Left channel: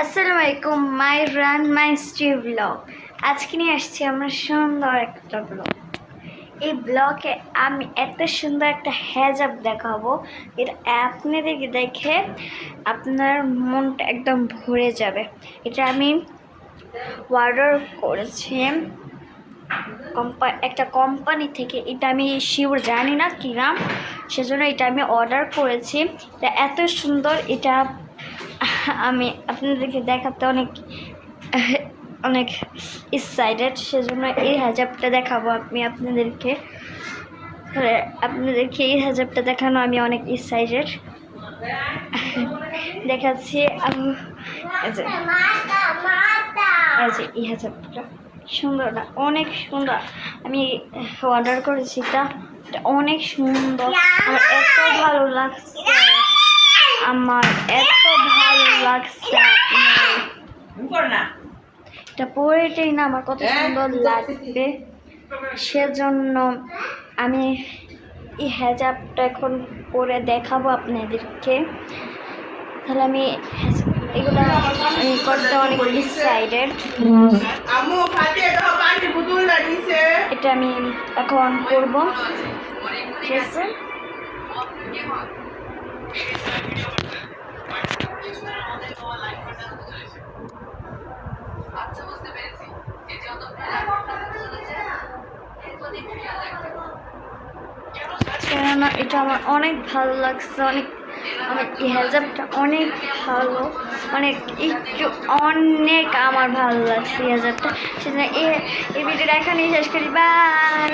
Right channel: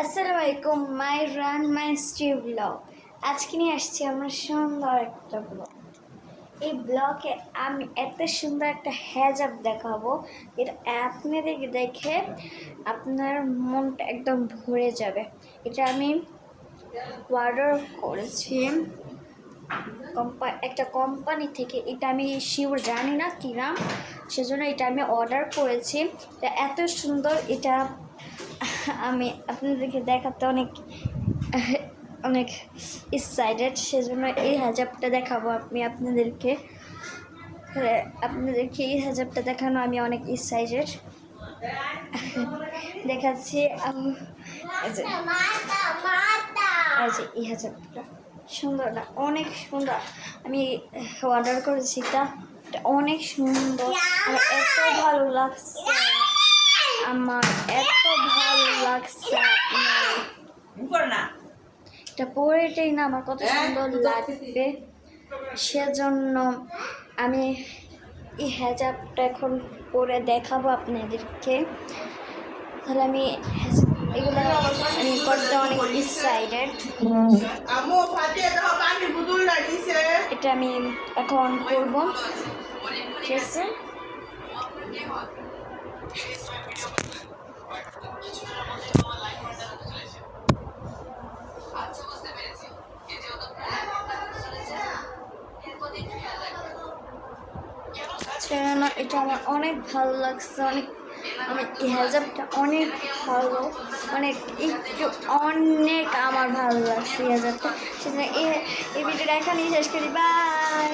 আসসালামু আলাইকুম মাই রান মাই stream blog. আজকে নিয়ে আসছি আমরা সুন্দর একটা ব্লগ। এই ব্লগে আমি এত সুন্দর একটা হেজাব দেখাবো, এটা আপনাদেরকে দেখে আপনার মনটা একদম ভরে যাবে। এটা আমি অর্ডার করেছি একটা কোম্পানি থেকে। এটা আমি শিওর জানি না কি নাম, সেজন্য এটা আমি অর্ডার করেছি। এটা এত সুন্দর, এটা আমি আপনাদেরকে দেখাতে অনেক অনেক এক্সাইটেড, সেজন্য এই হেজাবটা দেখাবো আপনাদেরকে এই হেজাবটা দেখানো আমি অনেক এক্সাইটেড। দেখাচ্ছি এই হেজাবটা সুন্দর না? অনেক সুন্দর। আমি অর্ডার করেছি, এটা অনেক সুন্দর। আমার এত ভালো লাগছে, আমার এত ভালো লাগছে। এটা পরেটাই না আমার কত সুন্দর লাগবে, সেজন্য আমি এই হেজাবটা এখন পরে দেখাবো আপনাদেরকে। তাহলে আমি এগুলো আমি করতে অনেক এক্সাইটেড। এটা আমি এখন করবো, ঠিক আছে? কেননা এটা আমার অনেক ভালো লাগছে, অনেক অনেক এই হেজাবটা অনেক ভালো, অনেক একটু অনেক আমার ভালো লাগছে এই হেজাবটা। সেজন্য এই ভিডিওটা এখানেই শেষ করি। বাই।